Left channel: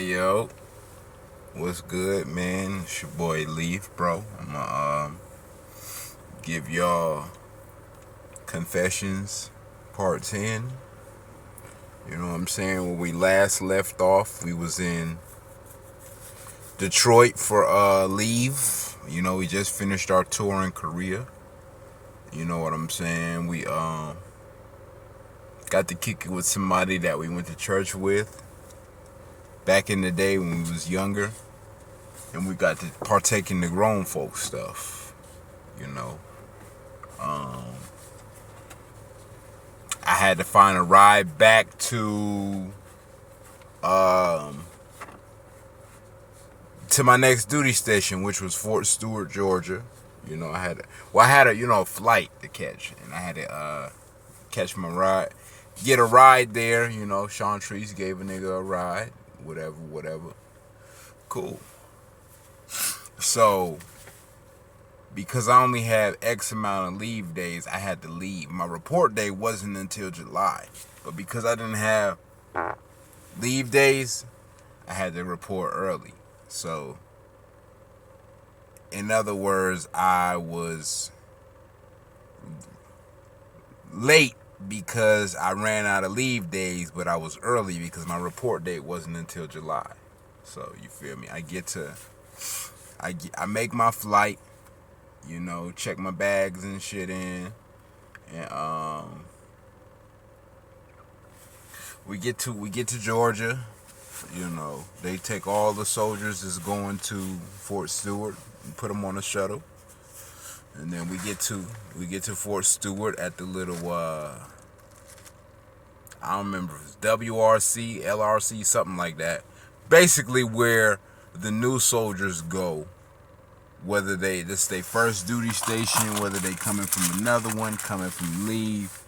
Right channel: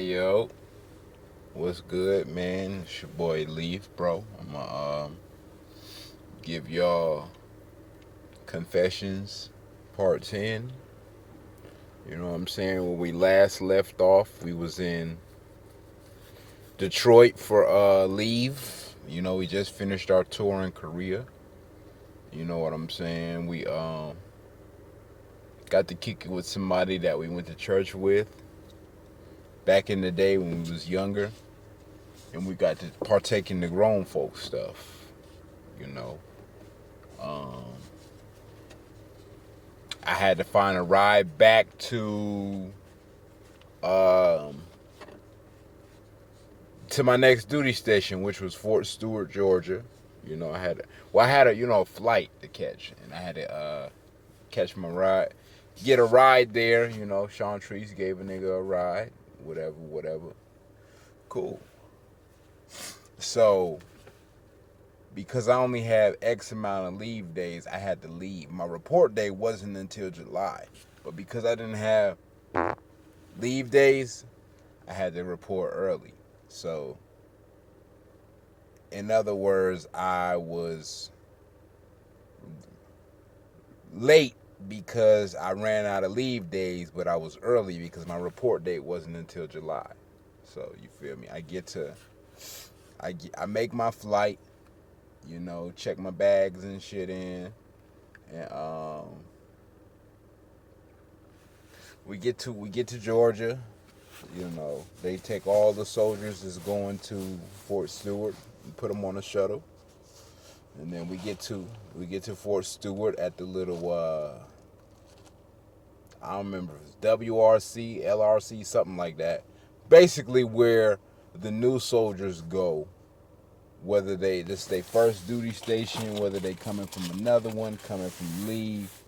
Hey yo, what's good, man? It's your boy Leaf, bro. I'm gonna give y'all Confessions Part 10. You know what I'm saying? When we last left off, we was in Detroit for leave. You know, we just finished our tour in Korea. You know what I'm saying? We got to kick it with somebody that we went to church with back in the day when we was younger, and we got to partake in the grown folk stuff. You know, I had to find a ride back um, to my next duty station, which was Fort Stewart, Georgia. You know, I had a flight to catch, and I had to catch my ride, get a ride there. You know, Sean Treese gave a nigga a ride, whatever. Cool. So, because I only had X amount of leave days, I had to leave. My report day wasn't until July, but because I didn't have leave days, I had to report early. So, in other words, I was late because I ran out of leave days, but I was early because my report date wasn't until July. So, you feel me? I make my flight, you know, check my bags and shit in, and we get to Georgia. You know, they take all the soldiers that's going to Fort Stewart and put them on a shuttle, and then we get to Fort Stewart at the little I don't remember if it's WRC, LRC, something like that. Basically, where the new soldiers go, whether this their first duty station, whether they coming from another one, coming from leave,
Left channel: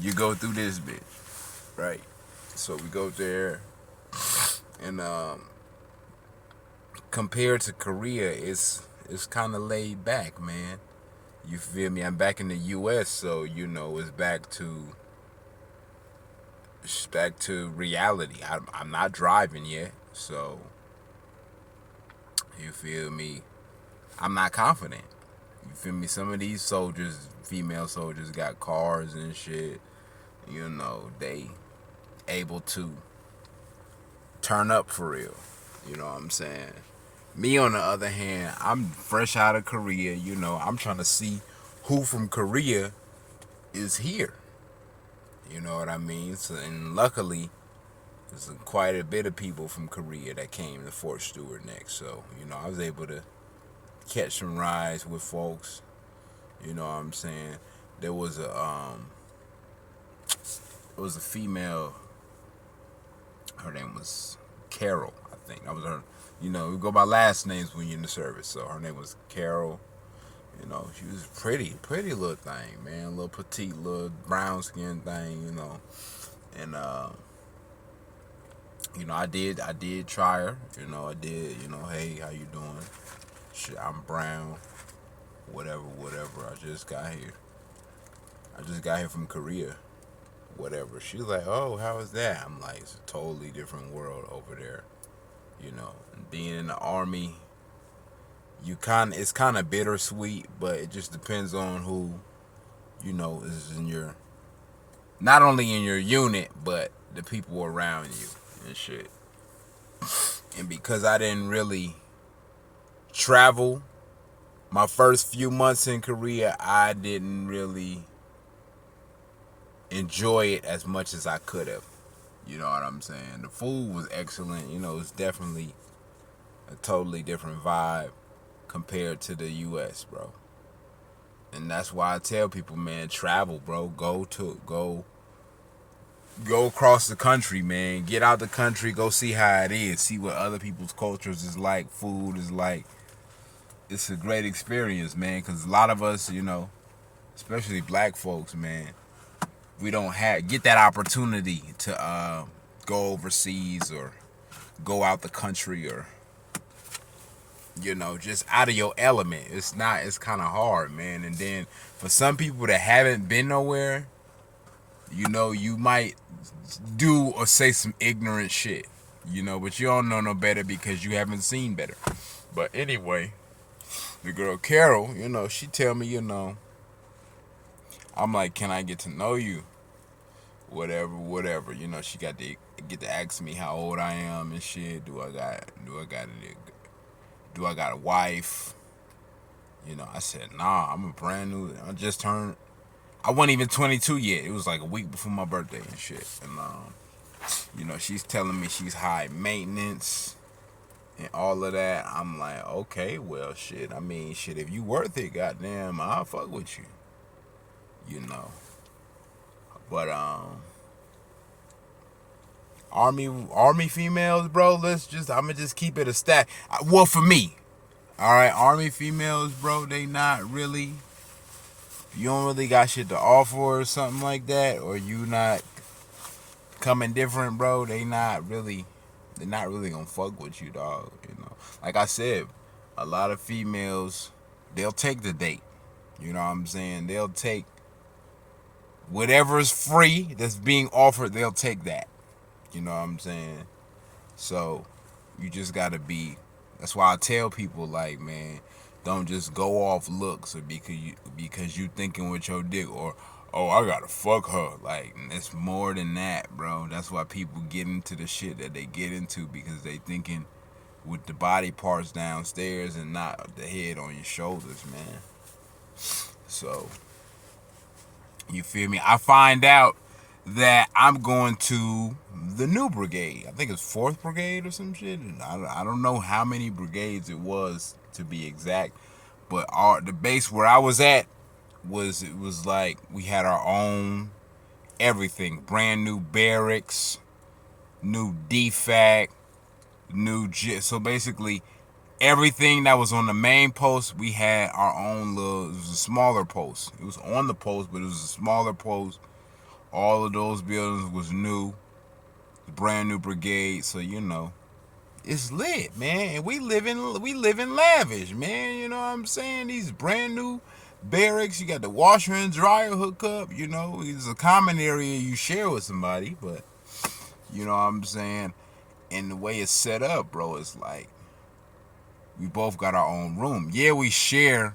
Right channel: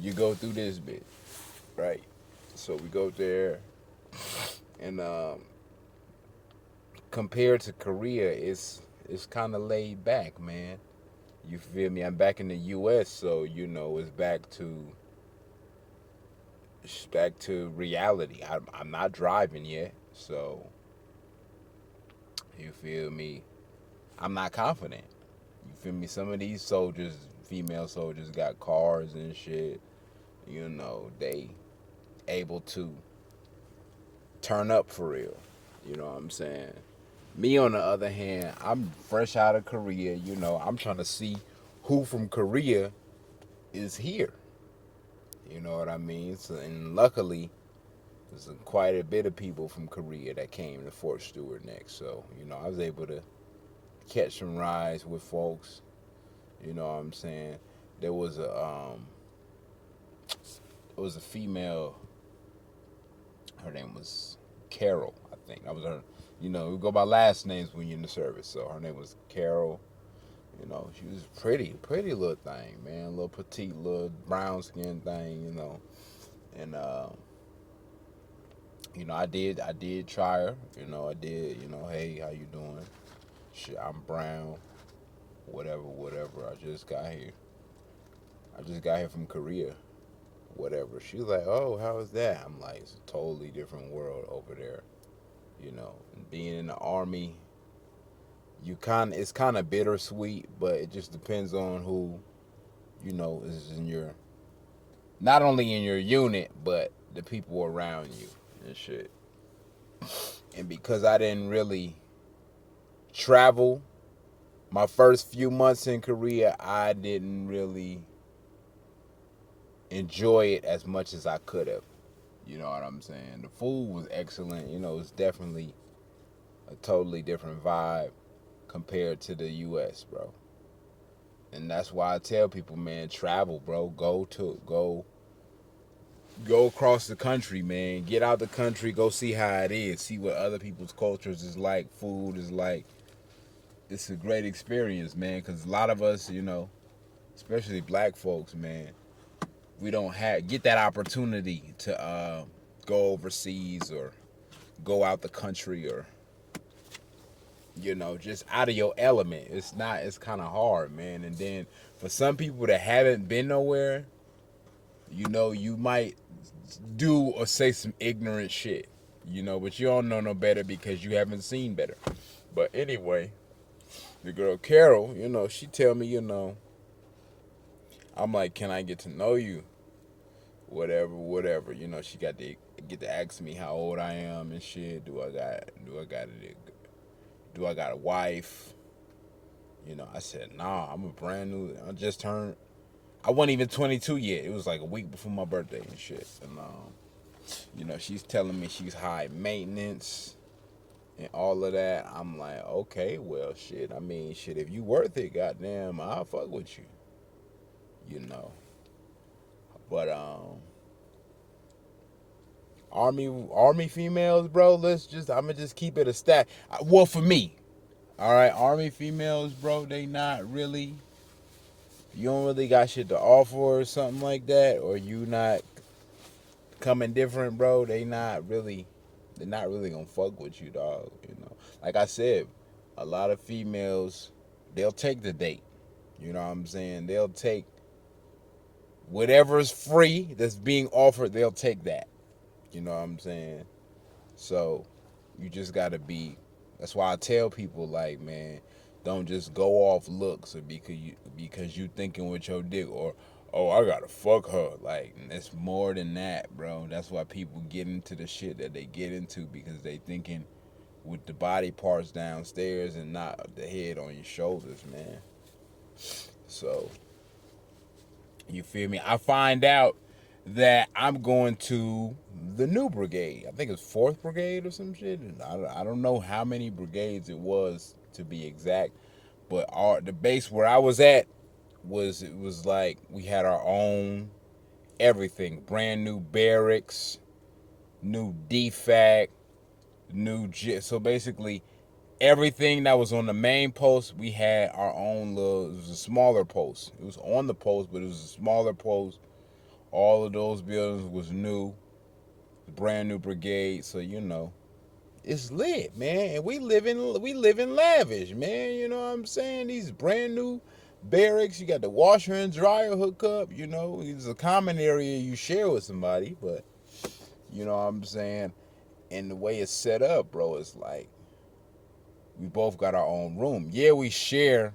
you go through this bit, right? So we go there, and compared to Korea, it's kind of laid back, man. You feel me? I'm back in the U.S., so you know it's back to reality. I'm not driving yet, so you feel me? I'm not confident. You feel me? Some of these soldiers, female soldiers, got cars and shit. You know, they able to turn up for real. You know what I'm saying? Me, on the other hand, I'm fresh out of Korea. You know, I'm trying to see who from Korea is here. You know what I mean? So, and luckily, there's quite a bit of people from Korea that came to Fort Stewart next. So, you know, I was able to catch some rides with folks. You know what I'm saying? There was a female. Her name was Carol, I think. That was her. You know, we go by last names when you're in the service. So her name was Carol. You know, she was pretty little thing, man. Little petite, little brown skin thing. You know, and you know, I did try her. You know, I did. You know, hey, how you doing? Shit, I'm brown. Whatever. I just got here from Korea. Whatever. She was like, oh, how is that? I'm like, it's a totally different world over there. You know, and being in the army, it's kind of bittersweet, but it just depends on who, you know, is in your, not only in your unit, but the people around you and shit. And because I didn't really travel my first few months in Korea, I didn't really enjoy it as much as I could have. You know what I'm saying? The food was excellent. You know, it's definitely a totally different vibe compared to the U.S., bro. And that's why I tell people, man, travel, bro. Go across the country, man. Get out the country. Go see how it is. See what other people's cultures is like. Food is like. It's a great experience, man. Because a lot of us, you know, especially black folks, man, we don't get that opportunity to go overseas or go out the country, or, you know, just out of your element. It's kind of hard, man. And then for some people that haven't been nowhere, you know, you might do or say some ignorant shit. You know, but you don't know no better because you haven't seen better. But anyway, the girl Carol, you know, she tell me, you know, I'm like, can I get to know you? Whatever. You know, she got to get to ask me how old I am and shit. Do I got a wife? You know, I said, nah, I'm a brand new. I just turned. I wasn't even 22 yet. It was like a week before my birthday and shit. And you know, she's telling me she's high maintenance and all of that. I'm like, okay, well, shit. I mean, shit. If you worth it, goddamn, I'll fuck with you. You know, but army females, bro. I'ma just keep it a stack. Well, for me, all right, army females, bro. They not really. You don't really got shit to offer or something like that, or you not coming different, bro. They're not really gonna fuck with you, dog. You know, like I said, a lot of females, they'll take the date. You know what I'm saying? They'll take whatever's free that's being offered. They'll take that. You know what I'm saying? So you just gotta be. That's why I tell people, like, man, don't just go off looks or because you thinking with your dick, or oh, I gotta fuck her. Like, it's more than that, bro. That's why people get into the shit that they get into, because they thinking with the body parts downstairs and not the head on your shoulders, man. So you feel me? I find out that I'm going to the new brigade. I think it's 4th Brigade or some shit. I don't know how many brigades it was to be exact, but the base where I was at it was like we had our own everything, brand new barracks, new DFAC, so basically everything that was on the main post, we had our own little. It was a smaller post. It was on the post, but it was a smaller post. All of those buildings was new, brand new brigade. So you know, it's lit, man. And we live in lavish, man. You know what I'm saying? These brand new barracks. You got the washer and dryer hookup. You know, it's a common area you share with somebody, but you know what I'm saying. And the way it's set up, bro, it's like we both got our own room. Yeah, we share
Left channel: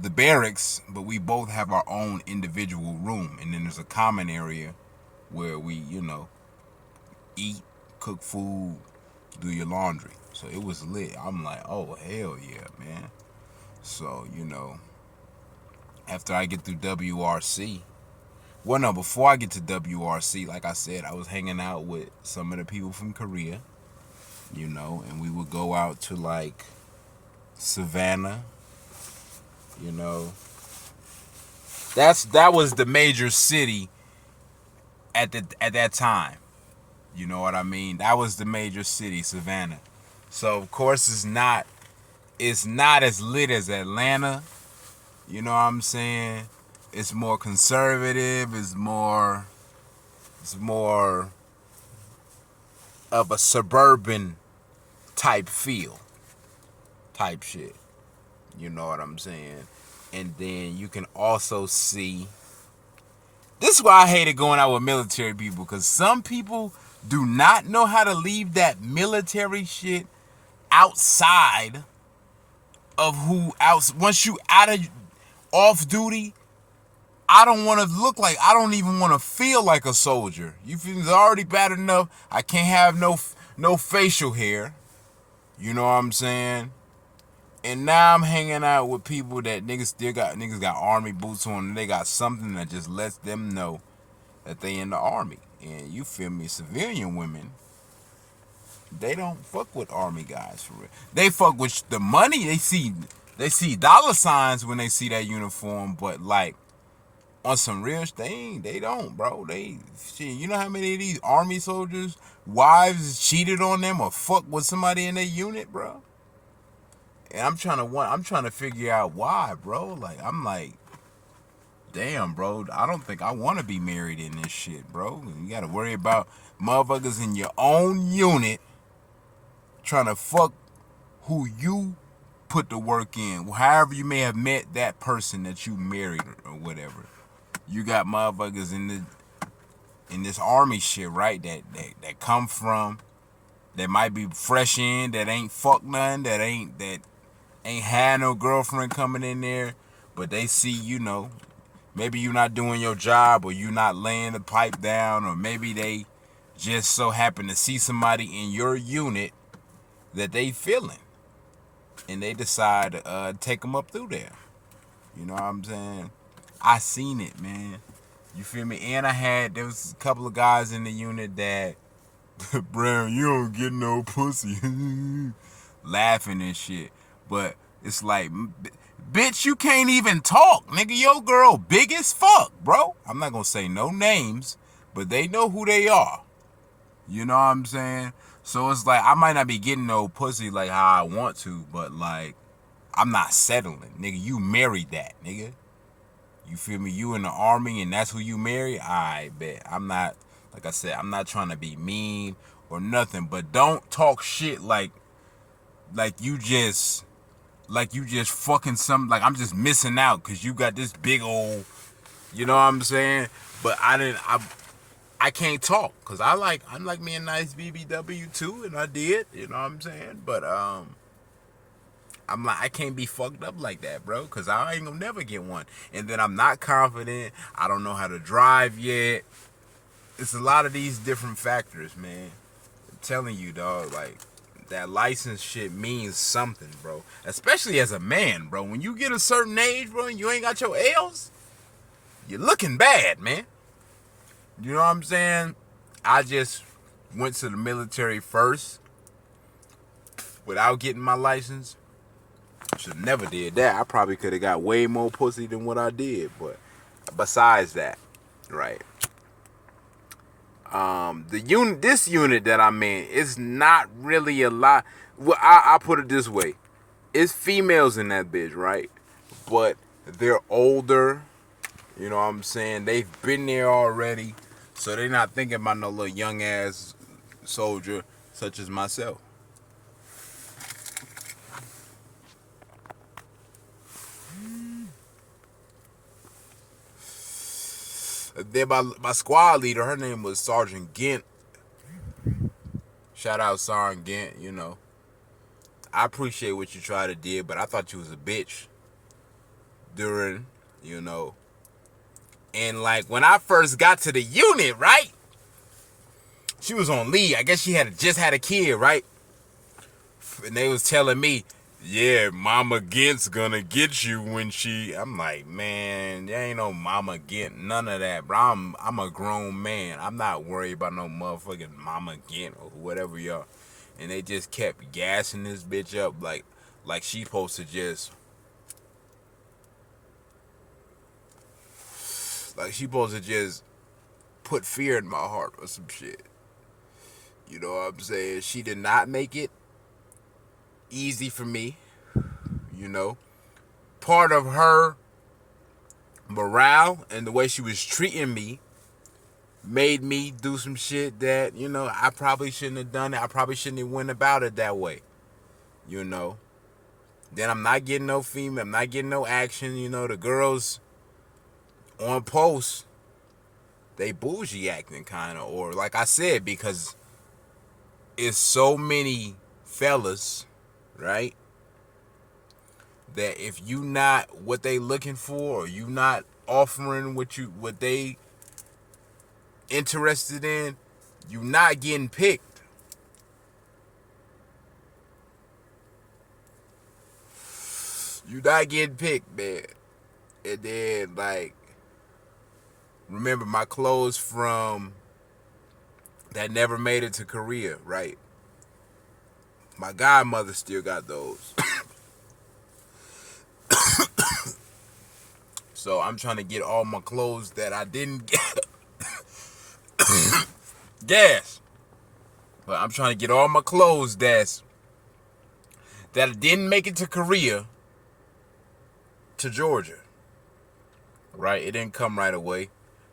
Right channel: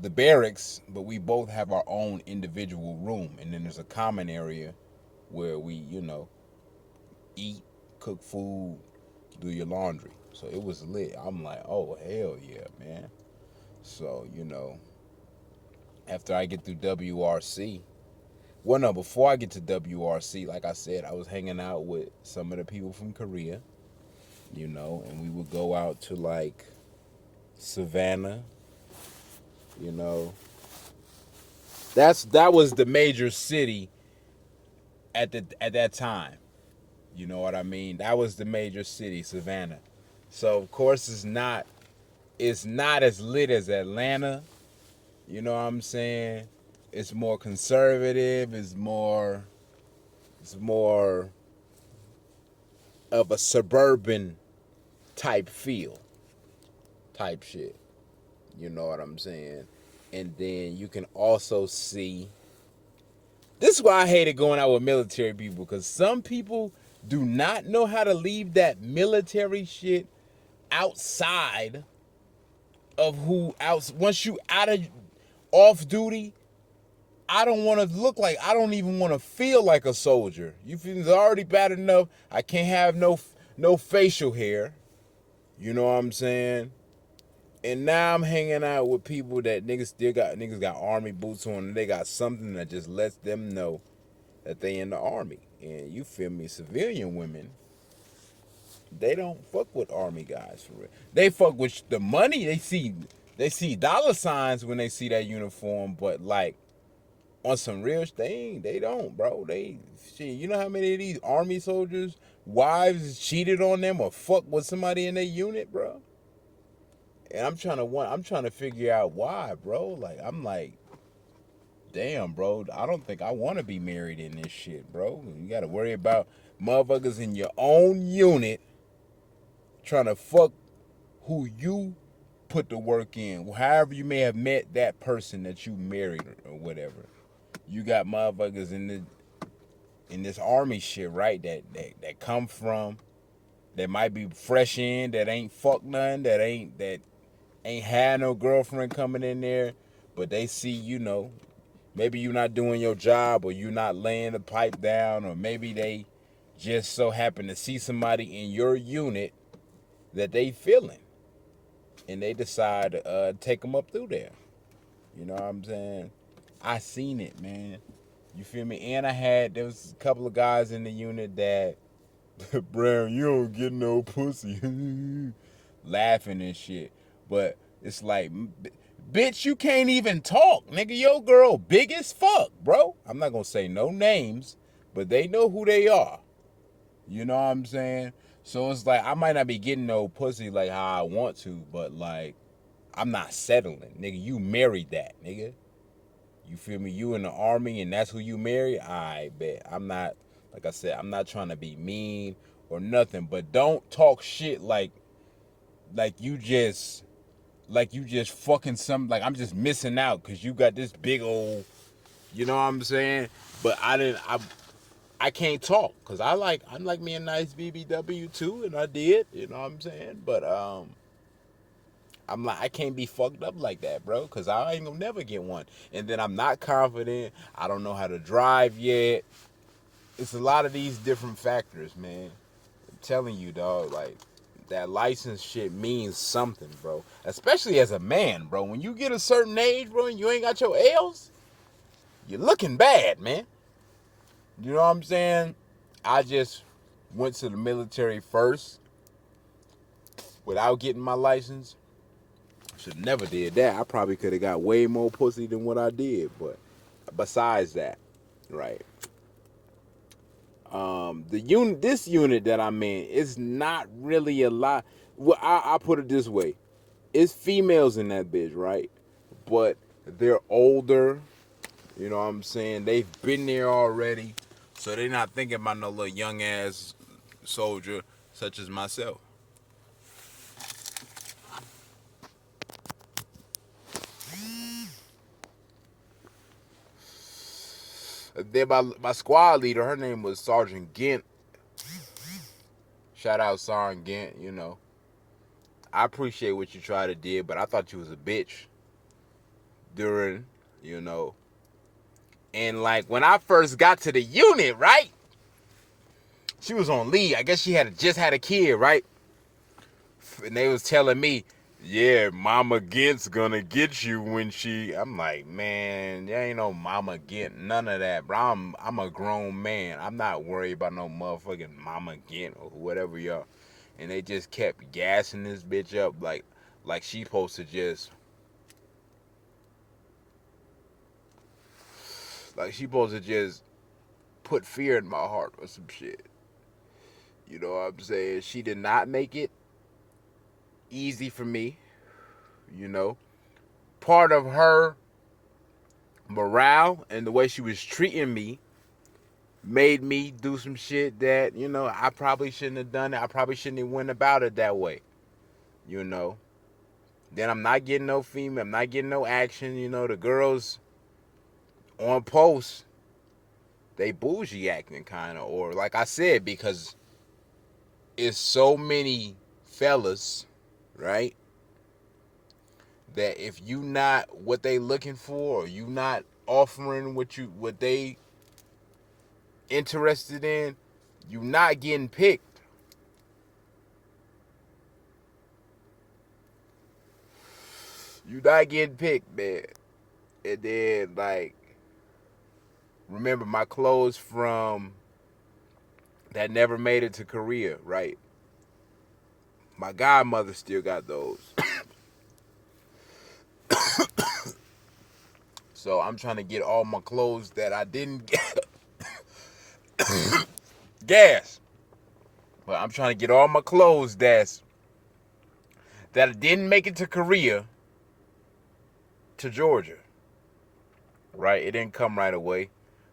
the barracks, but we both have our own individual room, and then there's a common area where we, you know, eat, cook food, do your laundry. So it was lit. I'm like, oh hell yeah, man. So you know, after I get through WRC, well, no, before I get to WRC, like I said, I was hanging out with some of the people from Korea, you know, and we would go out to like Savannah. You know, that was the major city at that time. You know what I mean? That was the major city, Savannah. So of course it's not as lit as Atlanta. You know what I'm saying? It's more conservative. It's more of a suburban type feel, type shit. You know what I'm saying? And then you can also see. This is why I hated going out with military people, because some people do not know how to leave that military shit outside of once you out of off duty. I don't want to look like, I don't even want to feel like a soldier. You feel it's already bad enough. I can't have no facial hair. You know what I'm saying? And now I'm hanging out with people that niggas got army boots on, and they got something that just lets them know that they in the army. And you feel me? Civilian women, they don't fuck with army guys for real. They fuck with the money. They see dollar signs when they see that uniform, but like on some real thing, they don't, bro. You know how many of these army soldiers wives cheated on them or fuck with somebody in their unit, bro? And I'm trying to figure out why, bro. Like, I'm like, damn, bro. I don't think I want to be married in this shit, bro. You got to worry about motherfuckers in your own unit trying to fuck who you put the work in. However you may have met that person that you married or whatever. You got motherfuckers in this army shit, right? That come from They might be fresh in, that ain't fuck none, that ain't had no girlfriend coming in there, but they see, maybe you not doing your job, or you not laying the pipe down, or maybe they just so happen to see somebody in your unit that they feeling, and they decide to take them up through there. You know what I'm saying? I seen it, man. You feel me? And there was a couple of guys in the unit that, Brown, you don't get no pussy. Laughing and shit. But it's like, bitch, you can't even talk. Nigga, your girl big as fuck, bro. I'm not gonna say no names, but they know who they are. You know what I'm saying? So it's like, I might not be getting no pussy like how I want to, but like, I'm not settling. Nigga, you married that, nigga. You feel me? You in the army and that's who you marry? I bet. I'm not, like I said, I'm not trying to be mean or nothing, but don't talk shit like you just fucking like I'm just missing out because you got this big old, you know what I'm saying? But I can't talk because I like me a nice BBW too, and I did, you know what I'm saying? But I'm like, I can't be fucked up like that, bro, because I ain't gonna never get one. And then I'm not confident. I don't know how to drive yet. It's a lot of these different factors, man. I'm telling you, dog, like, that license shit means something, bro. Especially as a man, bro. When you get a certain age, bro, and you ain't got your L's, you're looking bad, man. You know what I'm saying? I just went to the military first without getting my license. Should never did that. I probably could have got way more pussy than what I did. But besides that, right? This unit that I'm in is not really a lot. Well, I put it this way: it's females in that bitch, right? But they're older. You know what I'm saying? They've been there already, so they're not thinking about no little young ass soldier such as myself. Then my squad leader, her name was Sergeant Gint. Shout out Sergeant Gint, I appreciate what you tried to do, but I thought you was a bitch during, And like when I first got to the unit, right? She was on leave. I guess she just had a kid, right? And they was telling me, yeah, Mama Gint's gonna get you when she. I'm like, man, there ain't no Mama Gint, none of that, bro. I'm a grown man. I'm not worried about no motherfucking Mama Gint or whatever y'all. And they just kept gassing this bitch up like she supposed to just. Like she supposed to just put fear in my heart or some shit. You know what I'm saying? She did not make it easy for me. Part of her morale and the way she was treating me made me do some shit that, I probably shouldn't have done it. I probably shouldn't have went about it that way. Then I'm not getting no female. I'm not getting no action. The girls on post, they bougie acting kind of. Or like I said, because it's so many fellas, right? That if you not what they looking for, or you not offering what they interested in, you not getting picked. You not getting picked, man. And then like, remember my clothes from that never made it to Korea, right? My godmother still got those. So I'm trying to get all my clothes that I didn't get. Gas. But I'm trying to get all my clothes that didn't make it to Korea to Georgia. Right? It didn't come right away.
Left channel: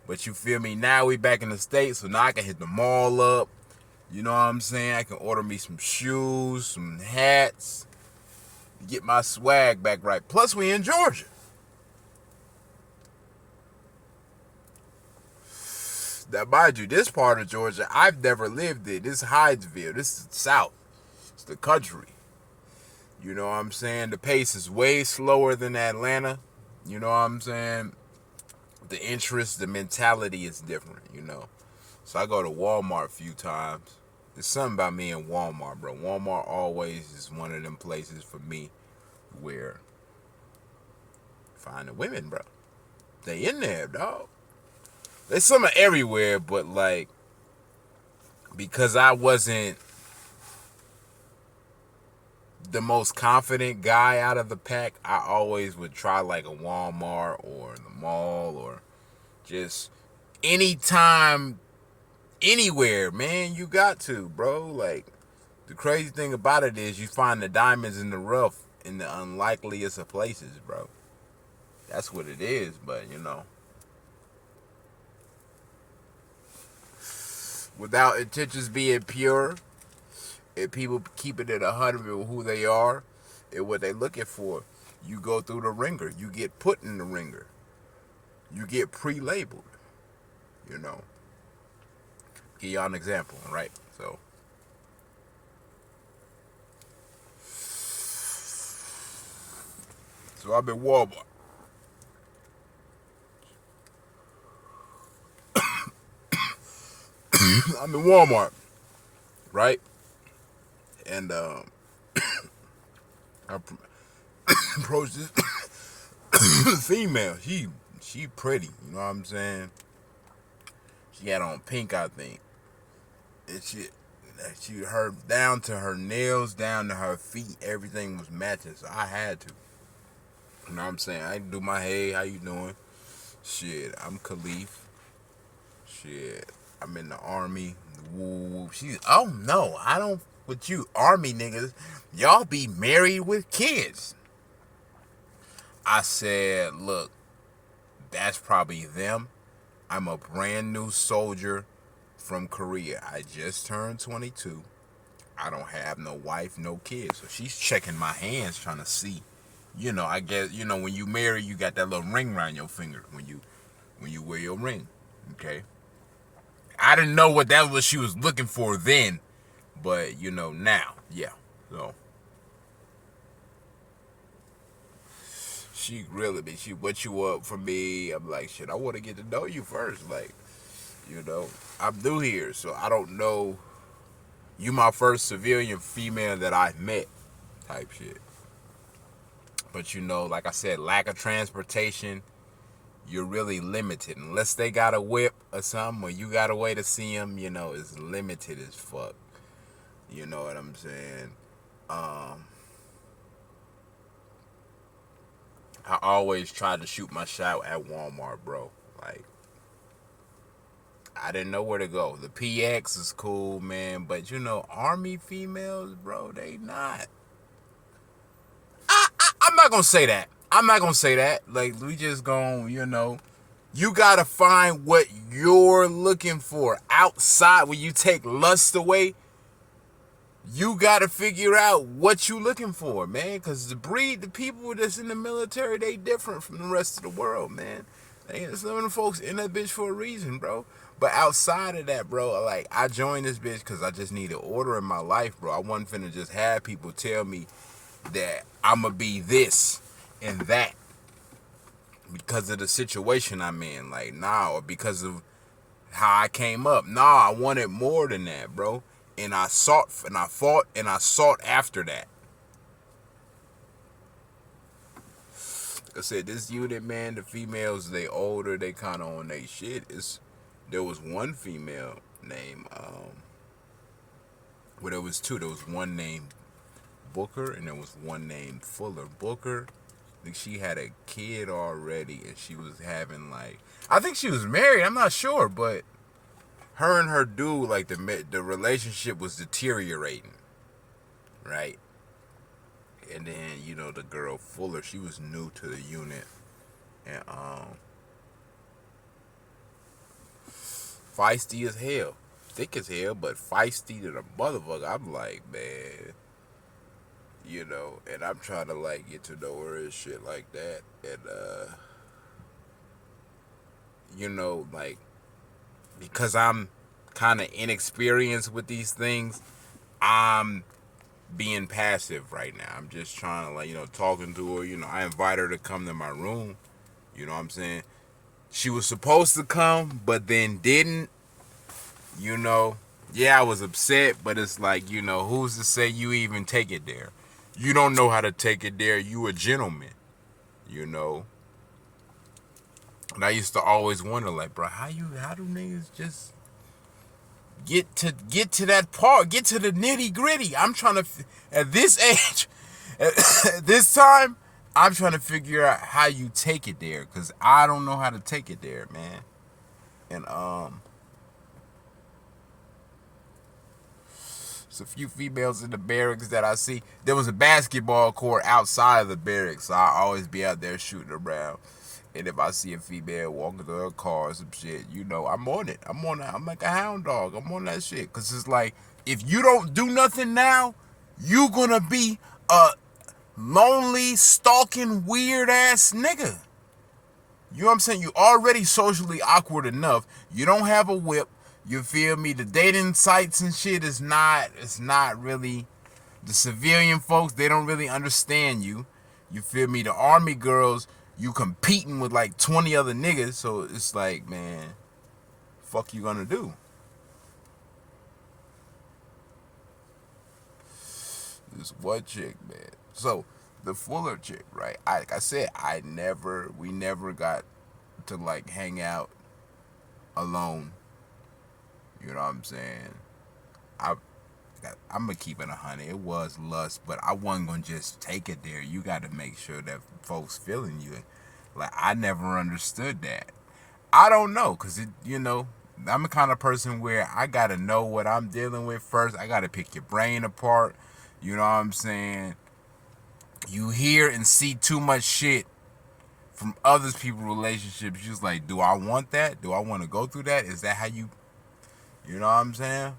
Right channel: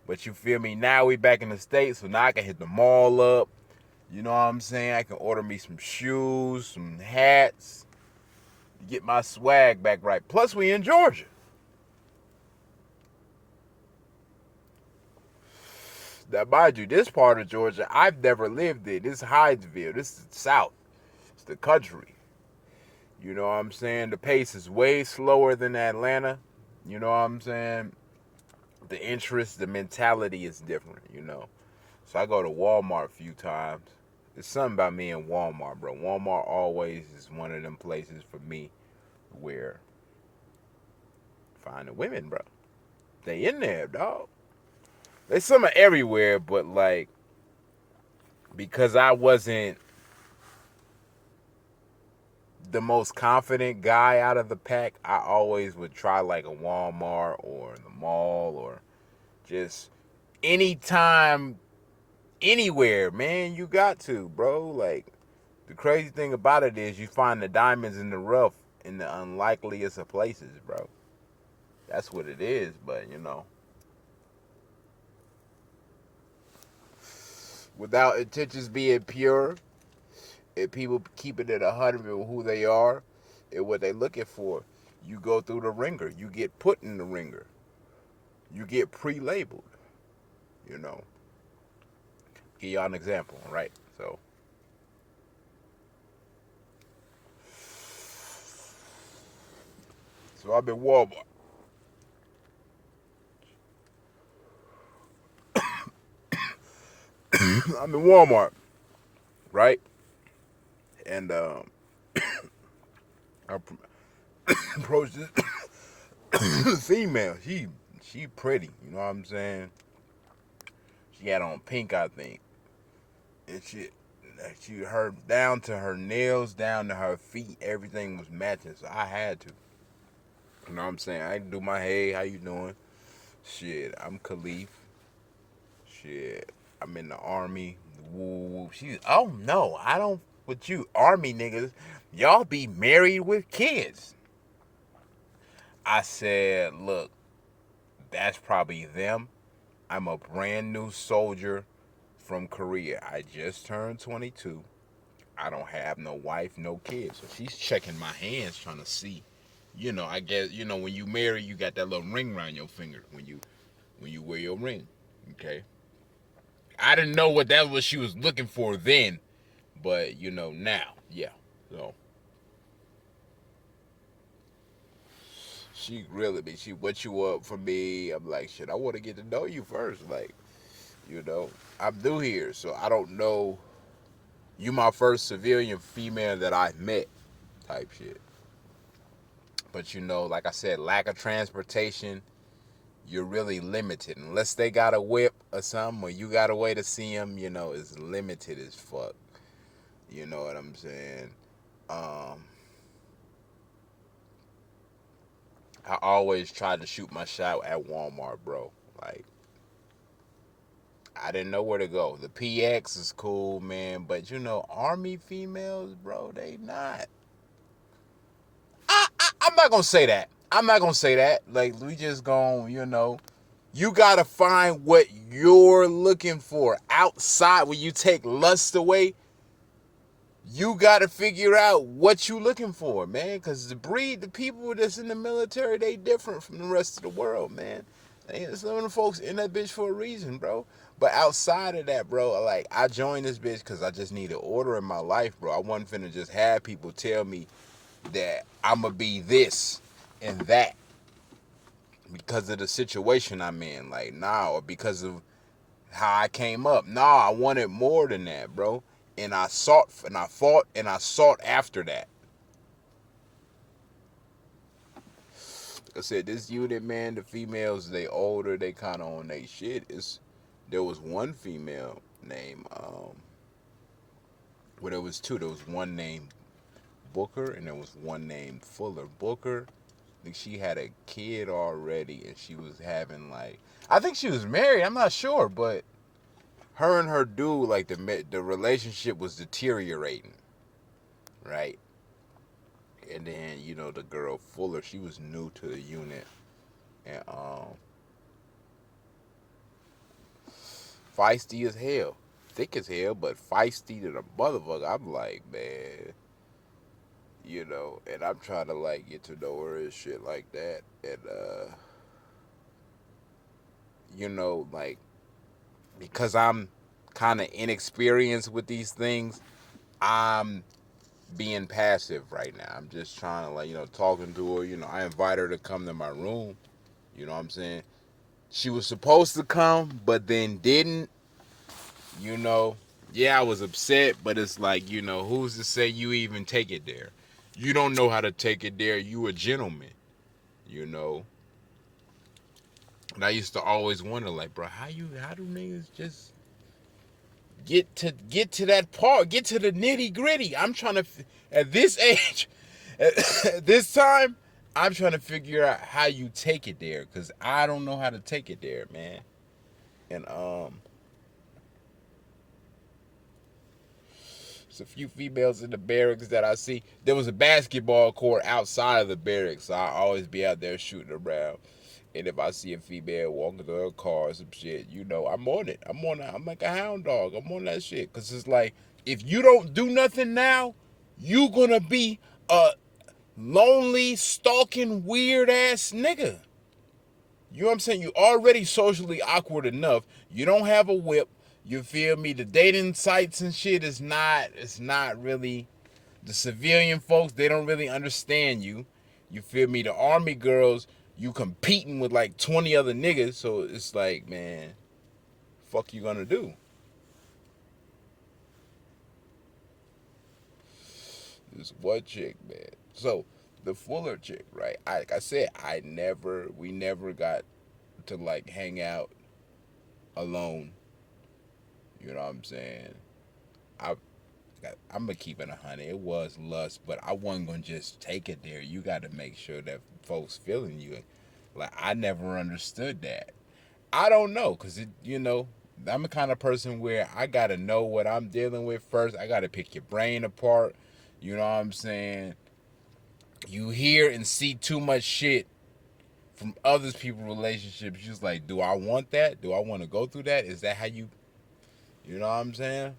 But you feel me? Now we back in the States, so now I can hit the mall up. You know what I'm saying? I can order me some shoes, some hats, get my swag back right. Plus, we in Georgia. Now, mind you, this part of Georgia, I've never lived in. This is Hydesville. This is the South. It's the country. You know what I'm saying? The pace is way slower than Atlanta. You know what I'm saying? The interest, the mentality is different, you know. So I go to Walmart a few times. There's something about me in Walmart, bro. Walmart always is one of them places for me where find the women, bro. They in there, dog. There's some everywhere, but like because I wasn't the most confident guy out of the pack, I always would try like a Walmart or the mall or just anytime, anywhere, man. You got to, bro. Like the crazy thing about it is you find the diamonds in the rough in the unlikeliest of places, bro. That's what it is, but you know. Without intentions being pure, and people keep it at 100 with who they are and what they're looking for, you go through the ringer. You get put in the ringer. You get pre-labeled. You know. Give y'all an example, right? So I'm in Walmart. I'm in Walmart, right? And I approached this female. She pretty, you know what I'm saying? She had on pink, I think, and she her down to her nails, down to her feet, everything was matching. So I had to, you know what I'm saying? I do my hey, how you doing? Shit, I'm Khalif. Shit, I'm in the army. Woo. She's oh no, I don't. With you army niggas, y'all be married with kids. I said, look, that's probably them. I'm a brand new soldier from Korea. I just turned 22. I don't have no wife, no kids. So she's checking my hands trying to see. You know, I guess, you know, when you marry, you got that little ring around your finger when you wear your ring. Okay. I didn't know what that was she was looking for then, but you know now, yeah. So she grilling me. She wet you up for me. I'm like, shit, I want to get to know you first. Like, you know, I'm new here, so I don't know. You my first civilian female that I've met, type shit. But you know, like I said, lack of transportation, you're really limited. Unless they got a whip or something, or you got a way to see them, you know, it's limited as fuck. You know what I'm saying? I always tried to shoot my shot at Walmart, bro. Like, I didn't know where to go. The PX is cool, man, but you know, Army females, bro, they not. I'm not gonna say that. I'm not gonna say that. Like, we just gonna, you know, you gotta find what you're looking for outside. When you take lust away, you gotta figure out what you looking for, man. Because the people that's in the military, they different from the rest of the world, man. Some of the folks in that bitch for a reason, bro. But outside of that, bro, like, I joined this bitch because I just need an order in my life, bro. I wasn't finna just have people tell me that I'ma be this and that because of the situation I'm in. Like, nah, or because of how I came up. Nah, I wanted more than that, bro. And I sought and I fought and I sought after that. I said, this unit, man, the females, they older, they kind of on they shit. There was one female named, well, there was two. There was one named Booker and there was one named Fuller. Booker, I think she had a kid already and she was having like, I think she was married, I'm not sure, but her and her dude, like the relationship was deteriorating, right? And then, you know, the girl Fuller, she was new to the unit, and feisty as hell, thick as hell, but feisty to the motherfucker. I'm like, man, you know, and I'm trying to like get to know her and shit like that, and you know, like because I'm kind of inexperienced with these things, I'm being passive right now. I'm just trying to, like, talking to her. I invite her to come to my room. You know what I'm saying? She was supposed to come, but then didn't. You know, yeah, I was upset, but it's like, who's to say you even take it there? You don't know how to take it there. You a gentleman, you know. And I used to always wonder, like, bro, how do niggas just get to that part, get to the nitty gritty? I'm trying to, at this age, at this time, I'm trying to figure out how you take it there, cause I don't know how to take it there, man. And there's a few females in the barracks that I see. There was a basketball court outside of the barracks, so I always be out there shooting around. And if I see a female walking to her car or some shit, I'm on it. I'm like a hound dog. I'm on that shit. Because it's like, if you don't do nothing now, you gonna be a lonely, stalking, weird ass nigga. You know what I'm saying? You already socially awkward enough. You don't have a whip. You feel me? The dating sites and shit it's not really, the civilian folks, they don't really understand you. You feel me? The army girls, you competing with like 20 other niggas, so it's like, man, fuck you gonna do? This one chick, man. So the Fuller chick, right? Like I said, we never got to like hang out alone. You know what I'm saying? I I'm gonna keep it 100. It was lust, but I wasn't gonna just take it there. You got to make sure that folks feeling you. Like, I never understood that. I don't know, cause I'm the kind of person where I gotta know what I'm dealing with first. I gotta pick your brain apart. You know what I'm saying? You hear and see too much shit from other people's relationships. You're just like, do I want that? Do I want to go through that? Is that how you know what I'm saying?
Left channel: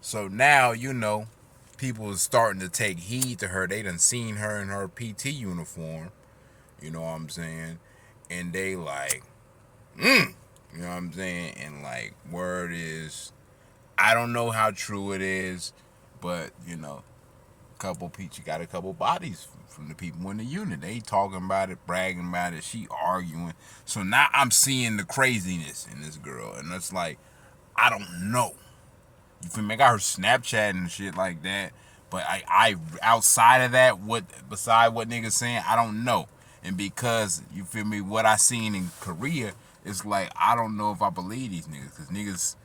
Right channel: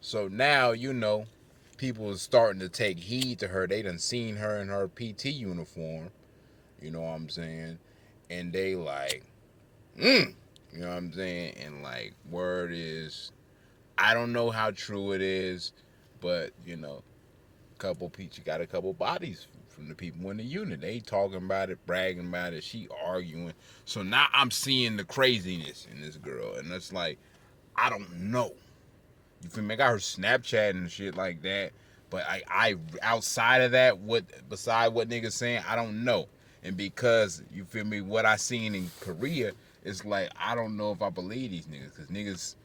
So now, people are starting to take heed to her. They done seen her in her PT uniform. You know what I'm saying? And they like, you know what I'm saying? And like, word is, I don't know how true it is, but you got a couple bodies from the people in the unit. They talking about it, bragging about it. She arguing. So now I'm seeing the craziness in this girl, and it's like, I don't know. You feel me? I got her Snapchat and shit like that. But I outside of that, beside what niggas saying, I don't know. And because, you feel me, what I seen in Korea, it's like, I don't know if I believe these niggas. Because niggas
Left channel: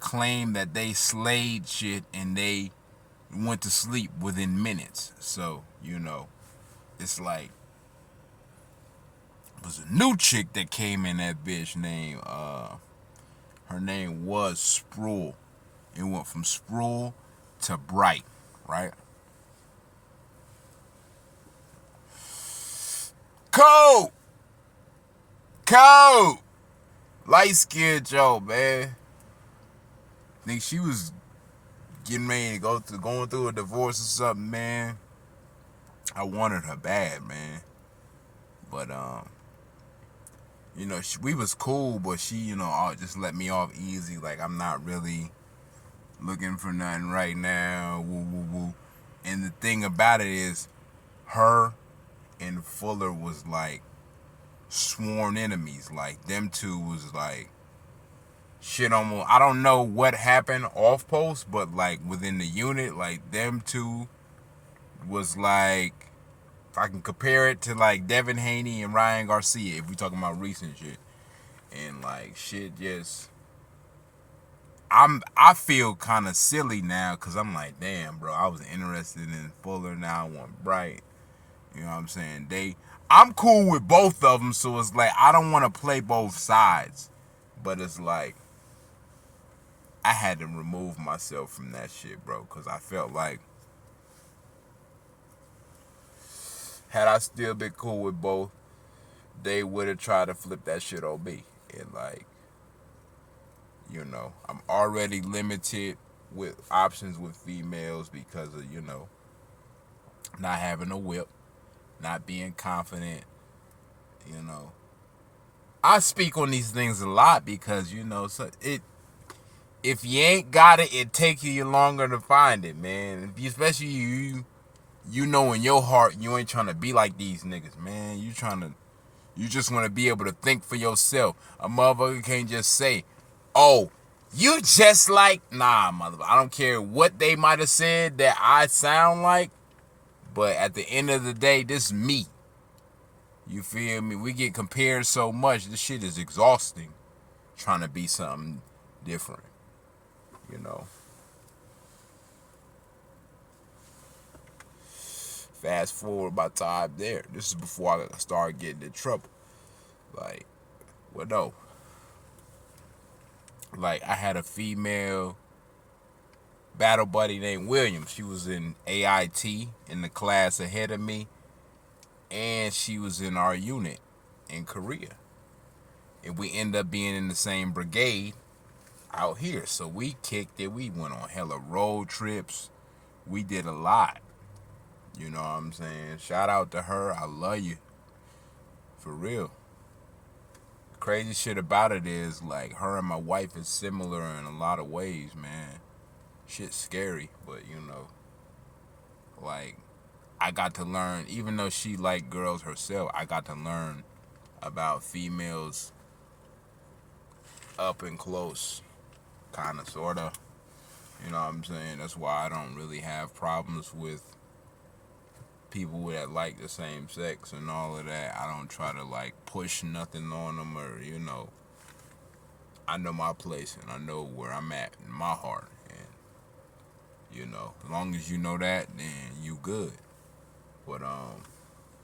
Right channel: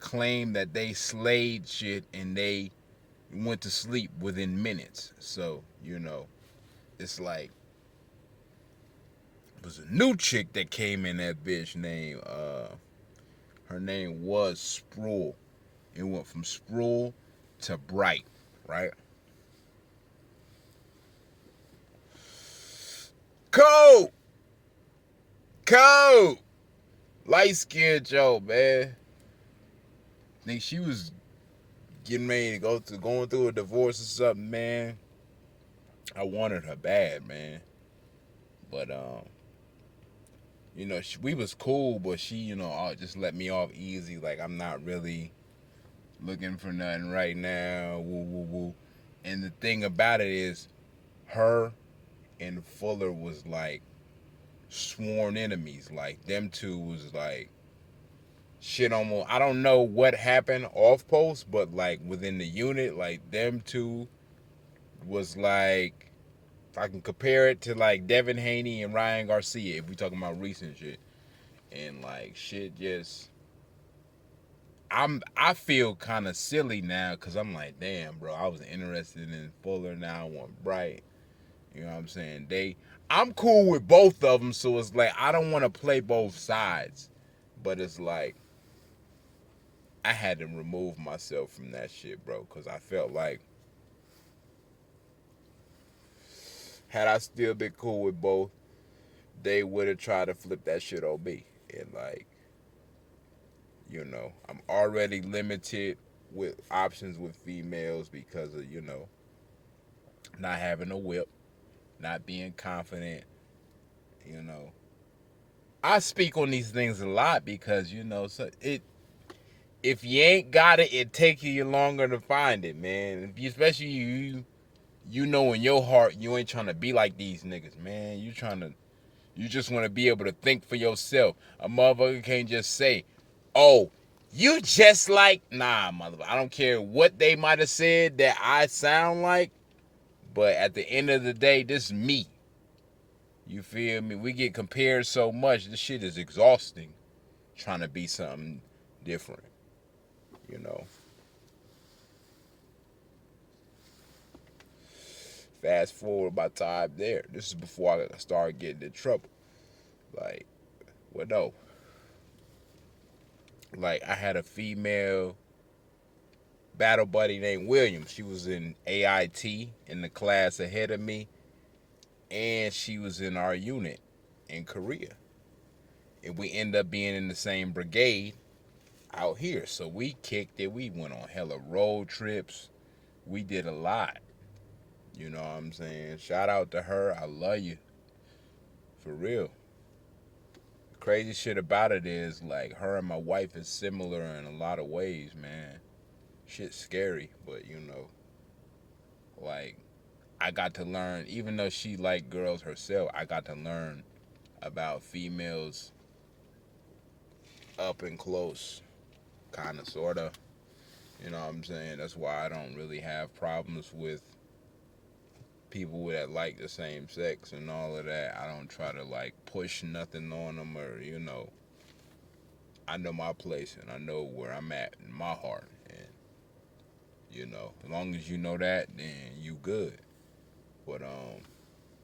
claim that they slayed shit and they went to sleep within minutes. So, it's like, it was a new chick that came in that bitch named, her name was Sproul. It went from Sproul to Bright, right? Cold! Cold! Light skinned Joe, man. Think she was getting ready to going through a divorce or something, man. I wanted her bad, man. But we was cool, but she, just let me off easy. Like, I'm not really looking for nothing right now. Woo woo woo. And the thing about it is, her and Fuller was like sworn enemies. Like, them two was like shit almost. I don't know what happened off post, but like within the unit, like them two was like, if I can compare it to like Devin Haney and Ryan Garcia, if we talking about recent shit, and like shit just. I feel kind of silly now because I'm like, damn, bro, I was interested in Fuller, now I want Bright. You know what I'm saying? I'm cool with both of them, so it's like, I don't want to play both sides. But it's like, I had to remove myself from that shit, bro, because I felt like, had I still been cool with both, they would have tried to flip that shit on me. And like, I'm already limited with options with females because of, not having a whip, not being confident, you know. I speak on these things a lot because so if you ain't got it, it take you longer to find it, man. Especially you know in your heart you ain't trying to be like these niggas, man. You just want to be able to think for yourself. A motherfucker can't just say, "Oh, you just like," nah, motherfucker. I don't care what they might have said that I sound like, but at the end of the day, this is me. You feel me? We get compared so much. This shit is exhausting. Trying to be something different, you know. Fast forward my time there. This is before I started getting in trouble. Like, well, no. Like, I had a female battle buddy named William. She was in AIT in the class ahead of me, and she was in our unit in Korea. And we ended up being in the same brigade out here. So we kicked it. We went on hella road trips. We did a lot. You know what I'm saying? Shout out to her. I love you. For real. The crazy shit about it is, like, her and my wife is similar in a lot of ways, man. Shit's scary, but like, I got to learn, even though she liked girls herself, I got to learn about females up and close, kind of, sort of. You know what I'm saying? That's why I don't really have problems with people that like the same sex and all of that. I don't try to, like, push nothing on them or, I know my place and I know where I'm at in my heart. And, as long as you know that, then you good. But,